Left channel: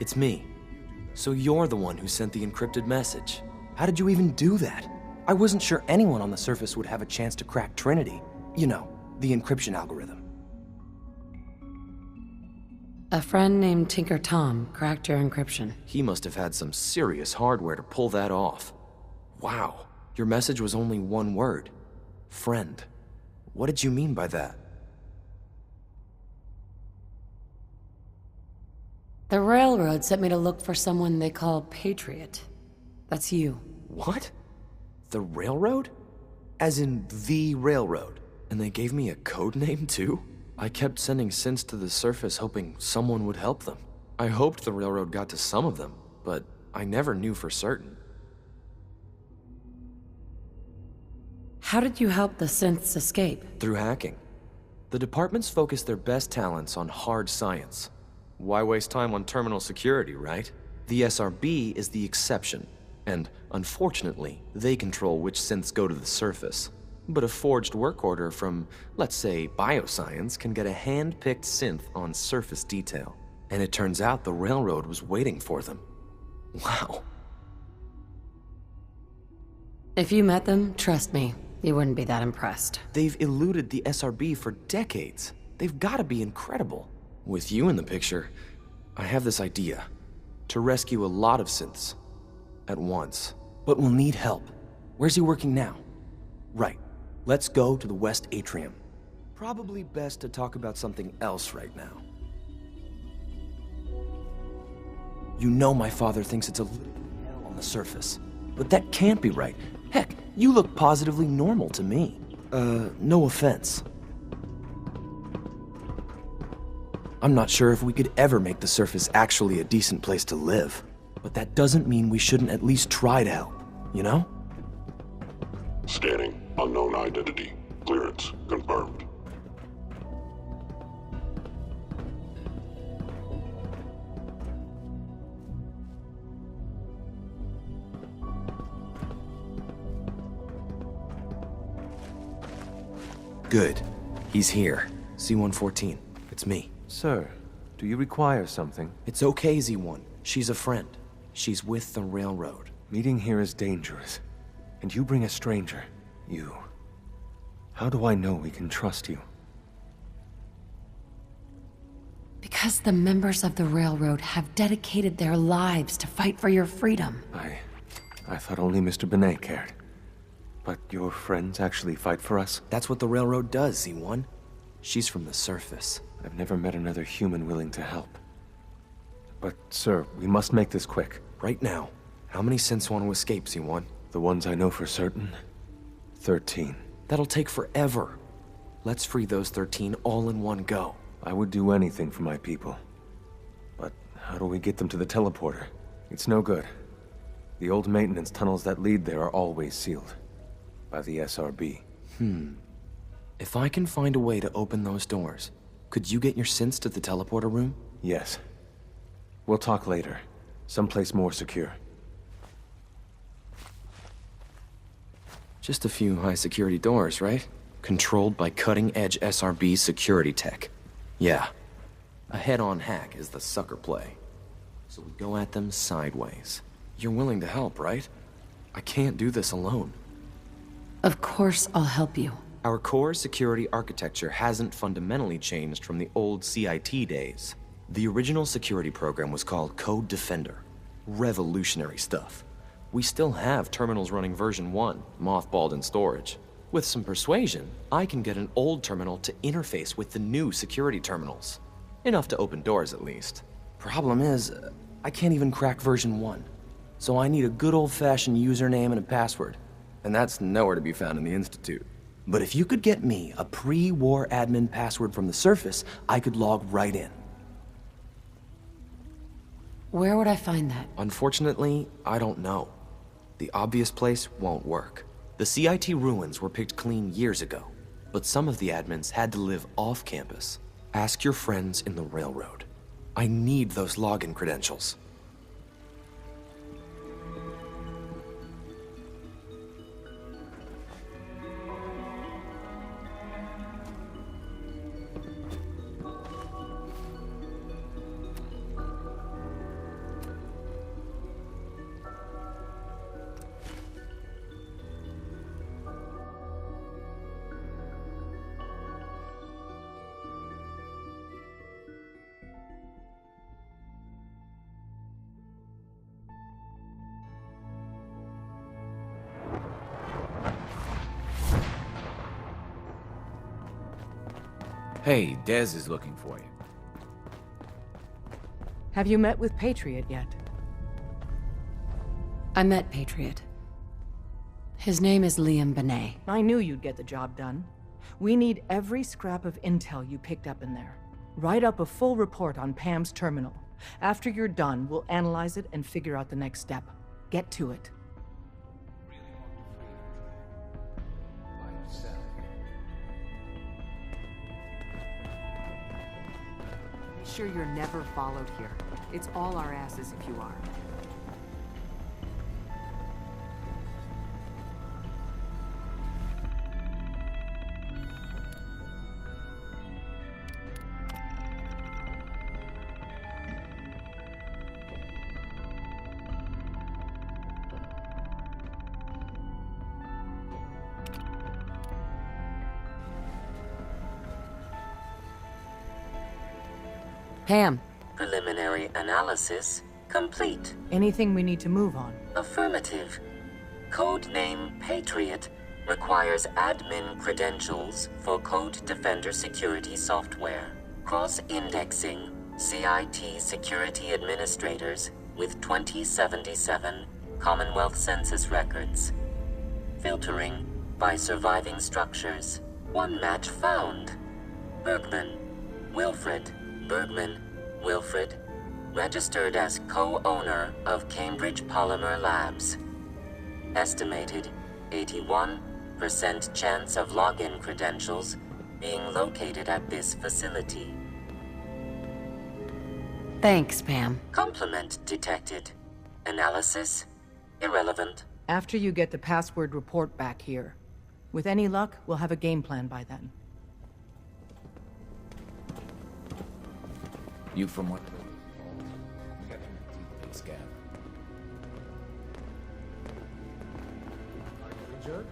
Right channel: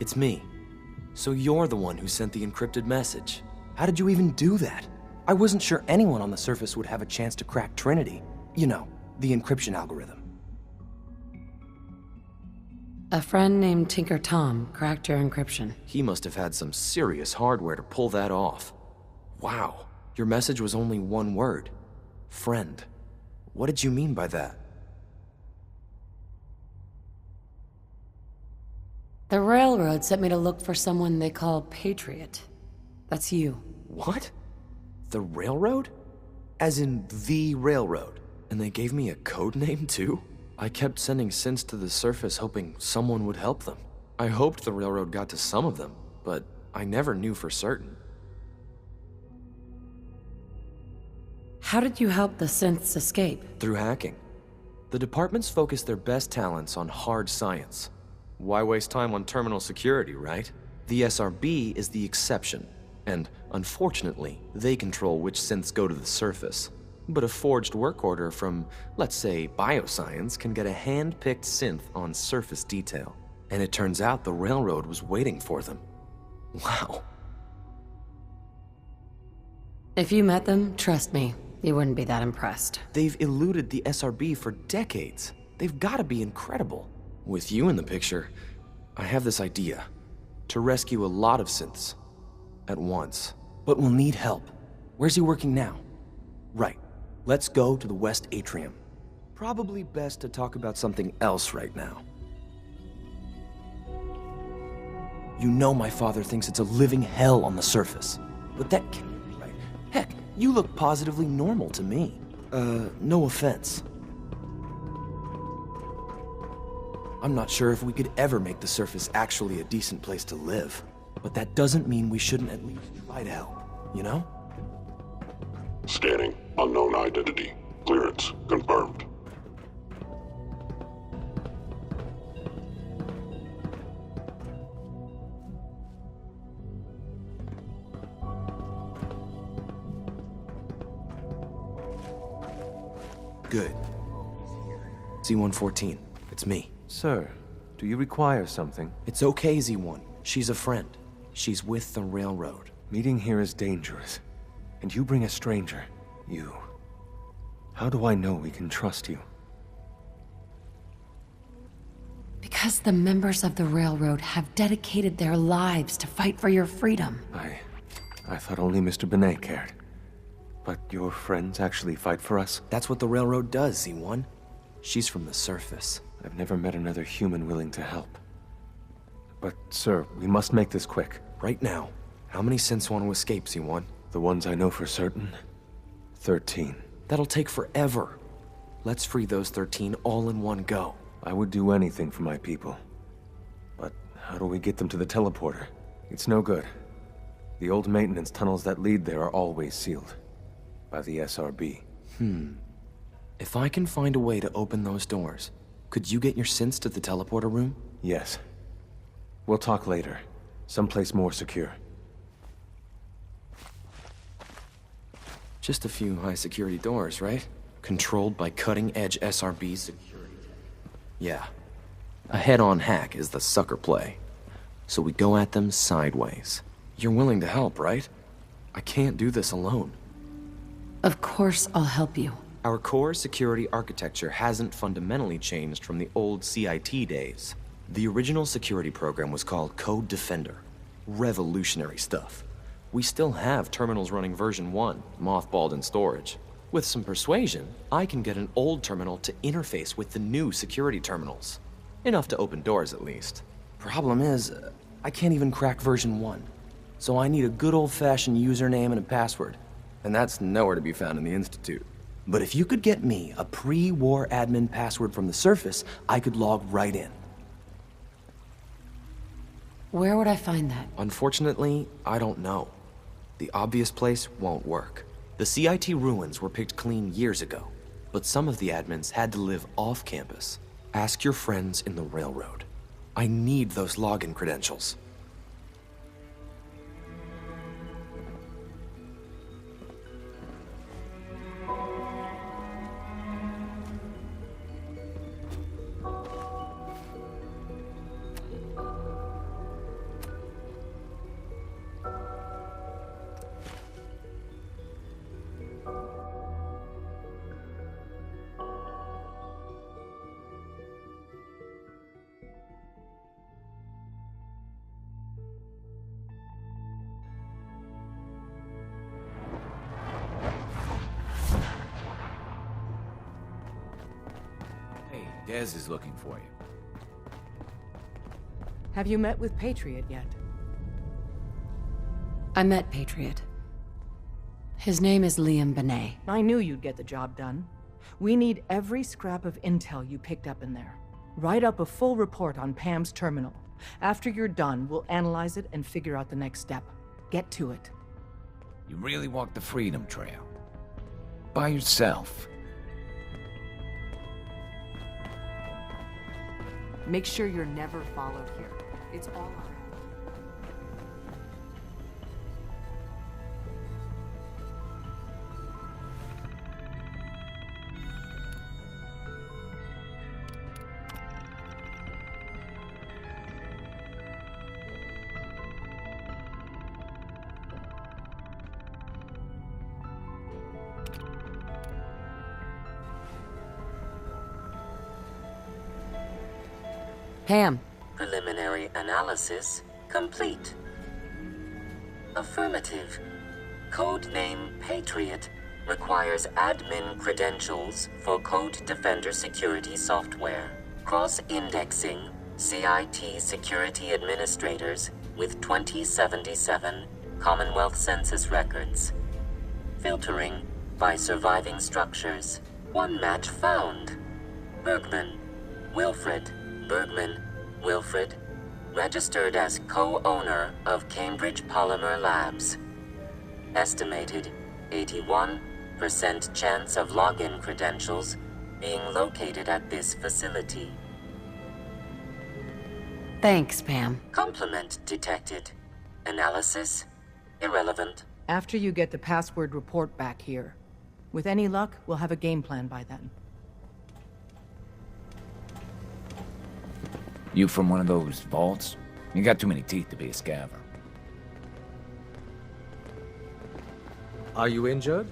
It's me. So you're the one who sent the encrypted message. How did you even do that? I wasn't sure anyone on the surface would have a chance to crack Trinity. You know, the encryption algorithm. A friend named Tinker Tom cracked your encryption. He must have had some serious hardware to pull that off. Wow, your message was only one word. Friend. What did you mean by that? The railroad sent me to look for someone they call Patriot. That's you. What? The railroad? As in the railroad? And they gave me a code name too? I kept sending synths to the surface hoping someone would help them. I hoped the railroad got to some of them, but I never knew for certain. How did you help the synths escape? Through hacking. The departments focus their best talents on hard science. Why waste time on terminal security, right? The SRB is the exception, and unfortunately, they control which synths go to the surface. But a forged work order from, let's say, bioscience can get a hand-picked synth on surface detail. And it turns out the railroad was waiting for them. Wow. If you met them, trust me, you wouldn't be that impressed. They've eluded the SRB for decades. They've got to be incredible. With you in the picture, I have this idea. To rescue a lot of synths. At once. But we'll need help. Where's he working now? Right. Let's go to the West Atrium. Probably best to talk about something else right now. You know my father thinks it's a living hell on the surface. But that can't be right. Heck, you look positively normal to me. No offense. I'm not sure if we could ever make the surface actually a decent place to live. But that doesn't mean we shouldn't at least try to help, you know? Scanning. Unknown identity. Clearance confirmed. Good. He's here. C-114. It's me. Sir, do you require something? It's okay, Z-1. She's a friend. She's with the railroad. Meeting here is dangerous. And you bring a stranger. You. How do I know we can trust you? Because the members of the railroad have dedicated their lives to fight for your freedom. I thought only Mr. Benet cared. But your friends actually fight for us? That's what the railroad does, Z-1. She's from the surface. I've never met another human willing to help. But, sir, we must make this quick. Right now. How many synths want to escape, Z-1? The ones I know for certain? 13. That'll take forever. Let's free those 13 all in one go. I would do anything for my people. But how do we get them to the teleporter? It's no good. The old maintenance tunnels that lead there are always sealed. By the SRB. If I can find a way to open those doors, could you get your synths to the teleporter room? Yes. We'll talk later. Someplace more secure. Just a few high-security doors, right? Controlled by cutting-edge SRB security tech. Yeah. A head-on hack is the sucker play. So we go at them sideways. You're willing to help, right? I can't do this alone. Of course I'll help you. Our core security architecture hasn't fundamentally changed from the old CIT days. The original security program was called Code Defender. Revolutionary stuff. We still have terminals running version 1, mothballed in storage. With some persuasion, I can get an old terminal to interface with the new security terminals. Enough to open doors, at least. Problem is, I can't even crack version 1. So I need a good old-fashioned username and a password. And that's nowhere to be found in the Institute. But if you could get me a pre-war admin password from the surface, I could log right in. Where would I find that? Unfortunately, I don't know. The obvious place won't work. The CIT ruins were picked clean years ago, but some of the admins had to live off campus. Ask your friends in the railroad. I need those login credentials. Hey, Dez is looking for you. Have you met with Patriot yet? I met Patriot. His name is Liam Benet. I knew you'd get the job done. We need every scrap of intel you picked up in there. Write up a full report on Pam's terminal. After you're done, we'll analyze it and figure out the next step. Get to it. You really walked the Freedom Trail. By yourself. Make sure you're never followed here. It's all our asses if you are. Pam. Preliminary analysis complete. Anything we need to move on? Affirmative. Codename Patriot requires admin credentials for Code Defender security software. Cross-indexing CIT security administrators with 2077 Commonwealth Census records. Filtering by surviving structures. One match found. Bergman. Wilfred. Bergman. Wilfred. Registered as co-owner of Cambridge Polymer Labs. Estimated 81% chance of login credentials being located at this facility. Thanks, Pam. Complement detected. Analysis irrelevant. After you get the password report back here. With any luck, we'll have a game plan by then. You from one of those vaults? You got too many teeth to be a scaver. Are you injured?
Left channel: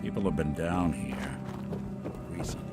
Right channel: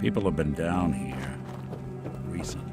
People have been down here recently.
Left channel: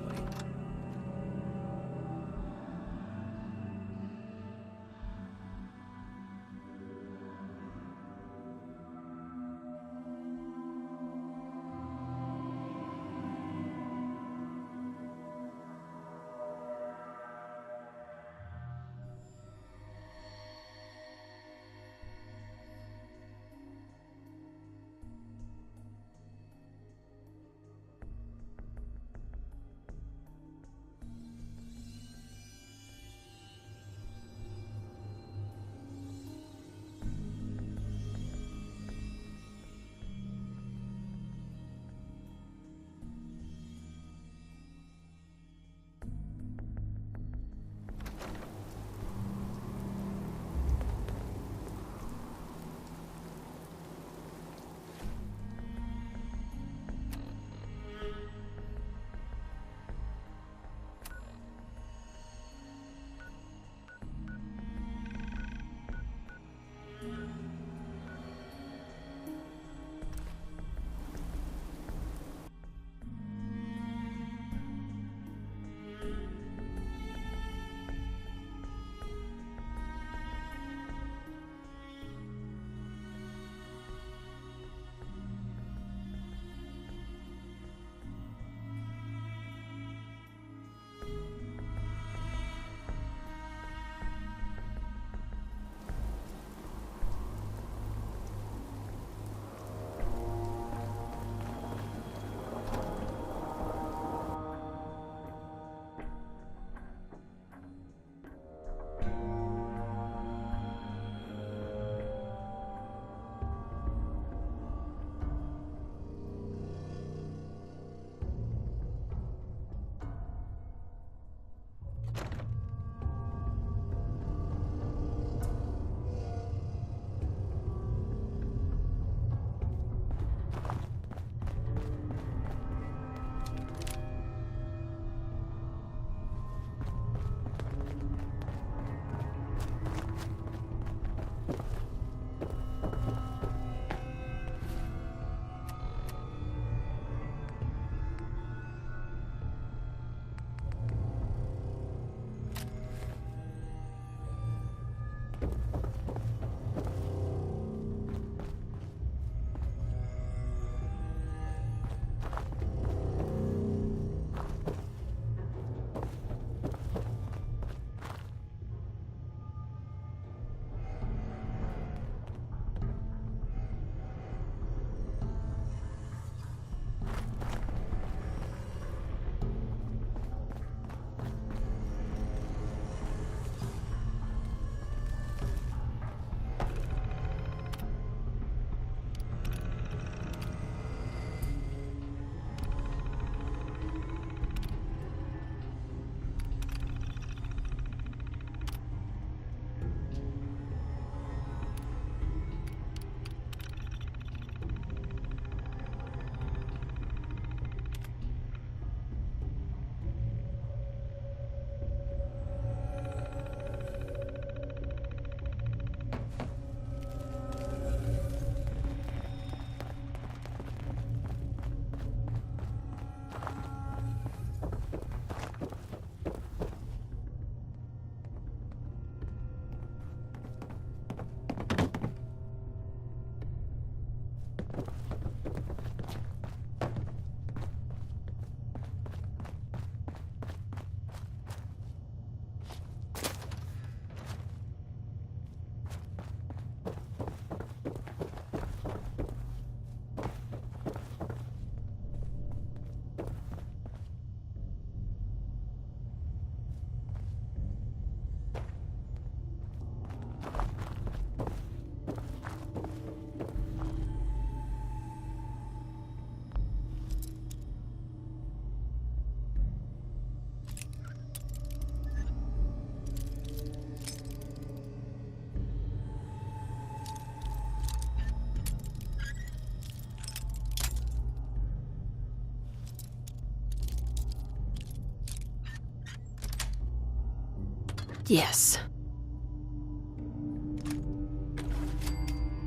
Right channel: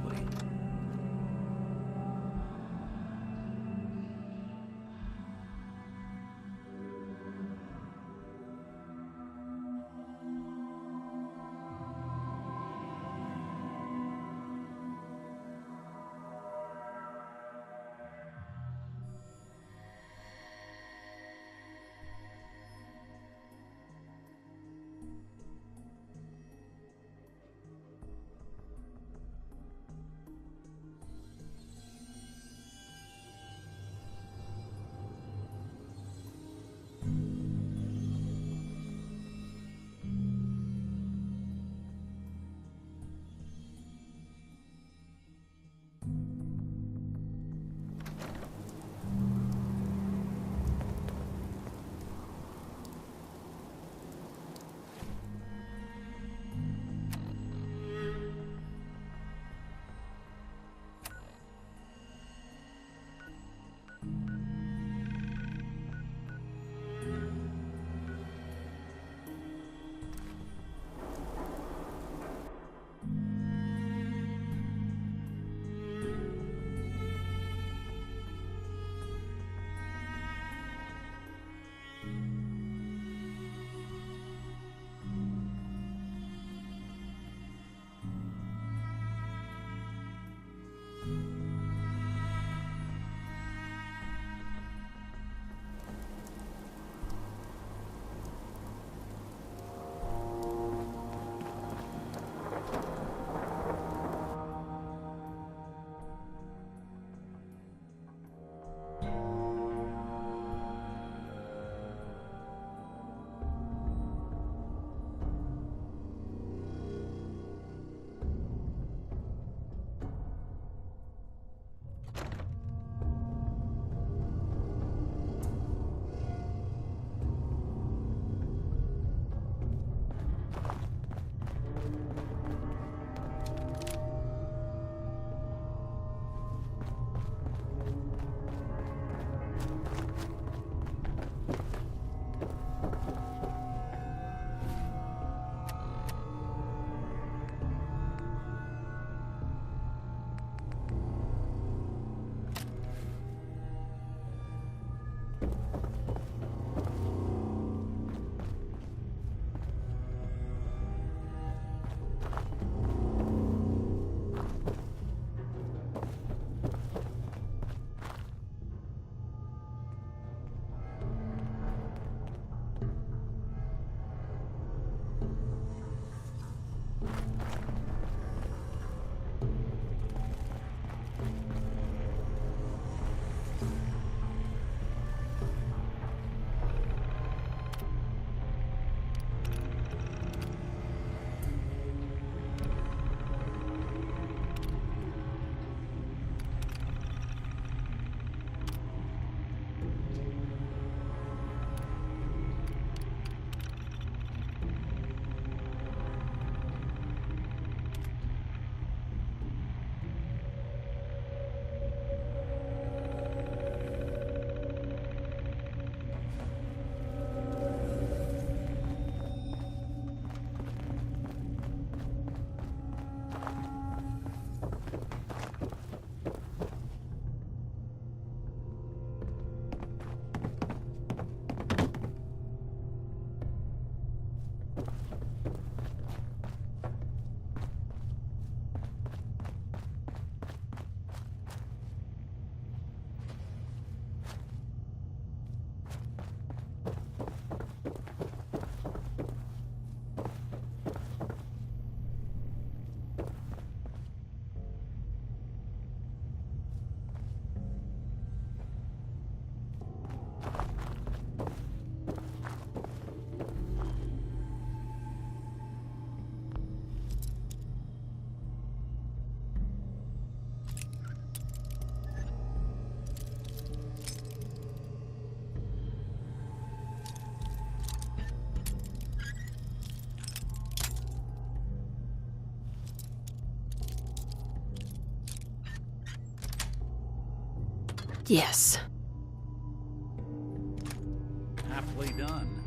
Yes. Aptly done.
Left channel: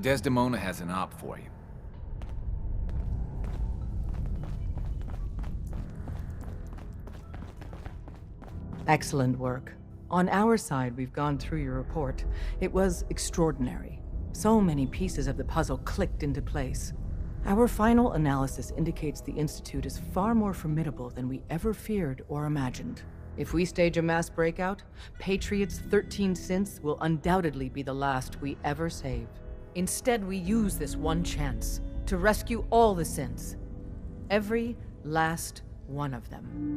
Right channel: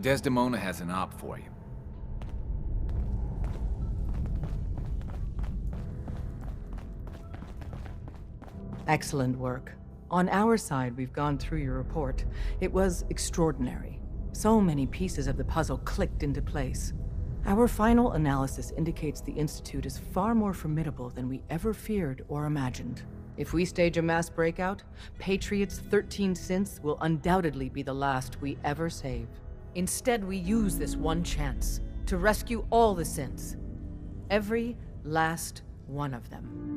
Desdemona has an op for you. Excellent work. On our side, we've gone through your report. It was extraordinary. So many pieces of the puzzle clicked into place. Our final analysis indicates the Institute is far more formidable than we ever feared or imagined. If we stage a mass breakout, Patriot's 13 synths will undoubtedly be the last we ever save. Instead, we use this one chance to rescue all the synths. Every last one of them.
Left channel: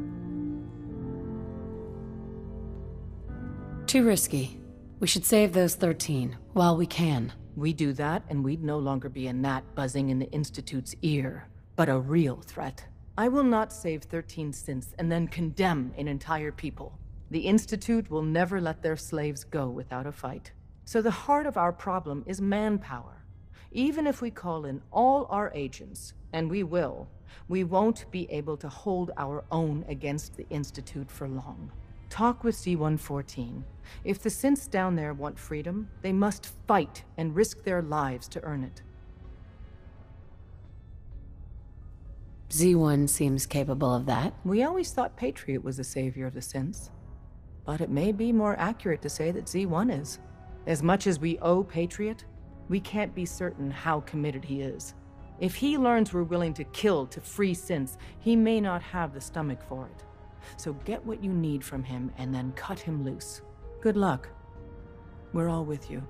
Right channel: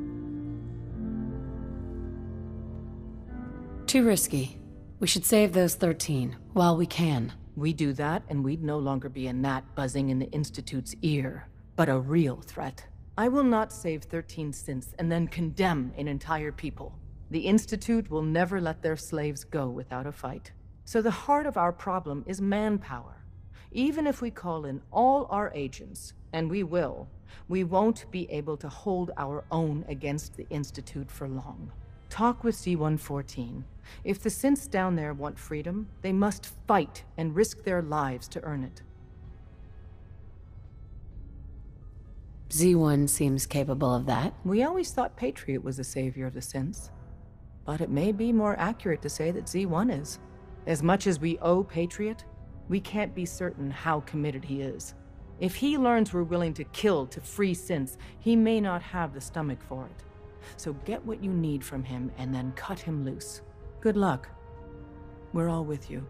Too risky. We should save those 13 while we can. We do that, and we'd no longer be a gnat buzzing in the Institute's ear, but a real threat. I will not save 13 synths and then condemn an entire people. The Institute will never let their slaves go without a fight. So the heart of our problem is manpower. Even if we call in all our agents, and we will, we won't be able to hold our own against the Institute for long. Talk with Z-114. If the synths down there want freedom, they must fight and risk their lives to earn it. Z1 seems capable of that. We always thought Patriot was the savior of the synths. But it may be more accurate to say that Z1 is. As much as we owe Patriot, we can't be certain how committed he is. If he learns we're willing to kill to free synths, he may not have the stomach for it. So get what you need from him and then cut him loose. Good luck. We're all with you.